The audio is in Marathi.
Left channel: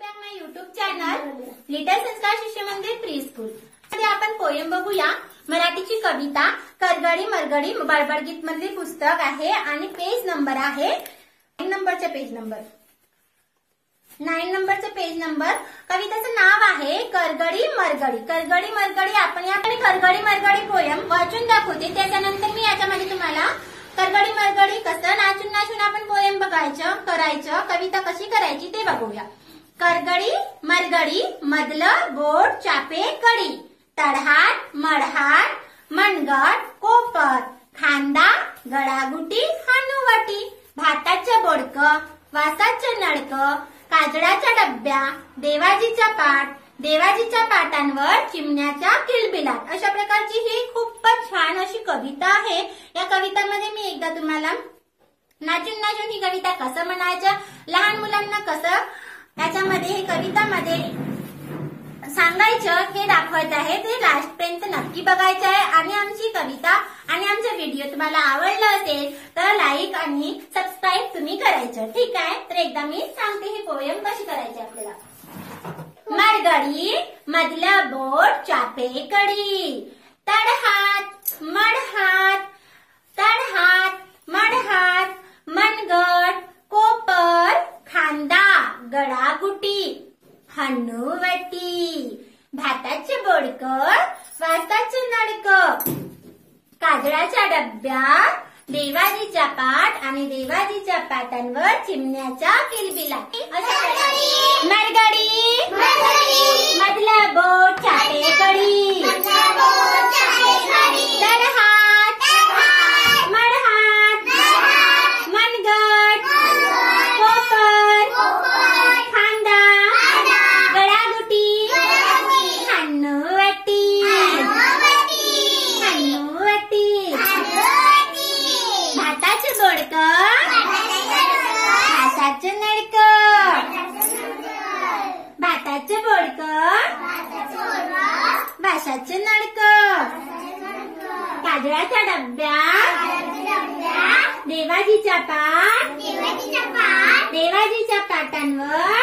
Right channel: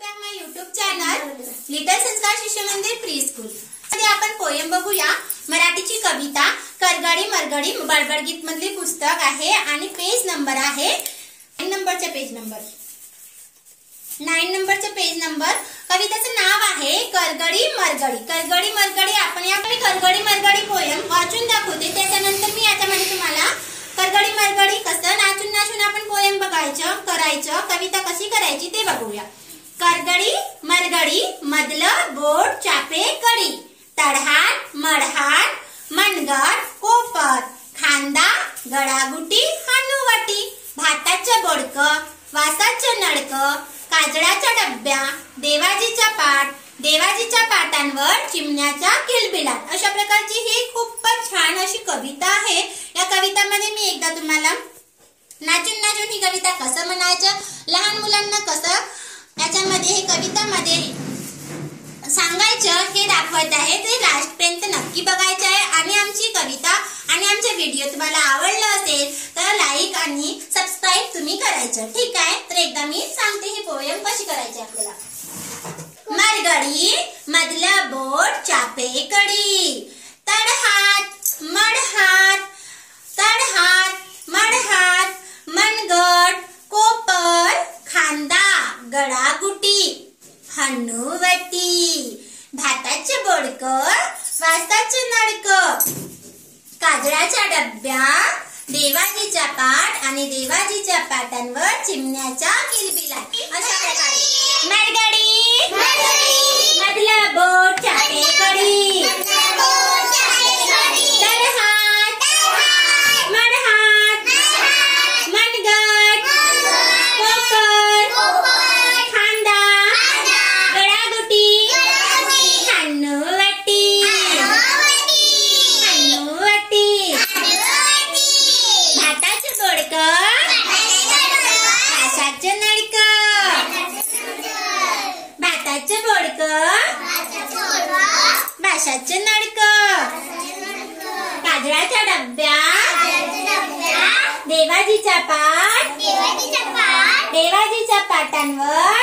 बॅक माय YouTube चॅनल लिटल संस्कार शिशु मंदिर प्री स्कूल मध्ये आपण पोएम बघूया। मराठीची कविता करगडी मरगडी बडबड गीत मधली पुस्तक आहे आणि पेज नंबर आहे 9 नंबरचा पेज नंबर। कवितेचं नाव आहे करगडी मरगडी। करगडी मरगडी आपण यापूर्वी करगडी मरगडी पोएम वाचून दाखवते, त्याच्यानंतर मी याच्यामध्ये तुम्हाला करगडी मरगडी कसं नाचून नाचून आपण पोएम बघायचं करायचं, कविता कशी करायची ते बघूया। करगडी मरगडी मधलं बोट चापे कडी, तडहाट मडहाट मनगट कोपर, खांदा गळागुटी हानुवटी, भाताचं बोडकं वासाचं नळकं, काजळाच्या डब्या देवाजीचा पाट, देवाजीच्या पाटांवर चिमण्याचा किलबिलाट। अशा प्रकारची ही खूपच छान अशी कविता आहे। या कवितामध्ये मी एकदा तुम्हाला नाचून नाचून ही कविता कसं म्हणायचं, लहान मुलांना कसं याच्यामध्ये हे कवितामध्ये सांगायचं हे दाखवत आहे। ते लास्ट पर्यंत नक्की बघायचं आहे आणि आमची कविता आणि आमचे व्हिडिओ तुम्हाला आवडला असेल तर लाईक आणि सबस्क्राईब तुम्ही करायचं, ठीक आहे। तर एकदा मी सांगते ही पोएम कशी करायची आपल्याला। मरगडी मधलं बोट चापे कडी, तडहात मडहात तडहात मडहात मनगट कोपर, खांदा गळागुटी हनुवटी, भाताचं बोडकं वासाचं नळकं, काजळाच्या डब्या देवाजीचा पाट आणि देवाजीच्या पाटांवर चिमण्याचा किलबिलाट। अशा प्रकारे मरगडी मधला बोट चापे कडी, तडहात मडहात मनगट कोपर, खांदा गळागुटी हनुवटी भाताचं बोडकं वासाचं नळकं, भाताचं बोडकं वासाचं नळकं, काजळाच्या डब्या देवाजीचा पाट देवाजीच्या पाटांवर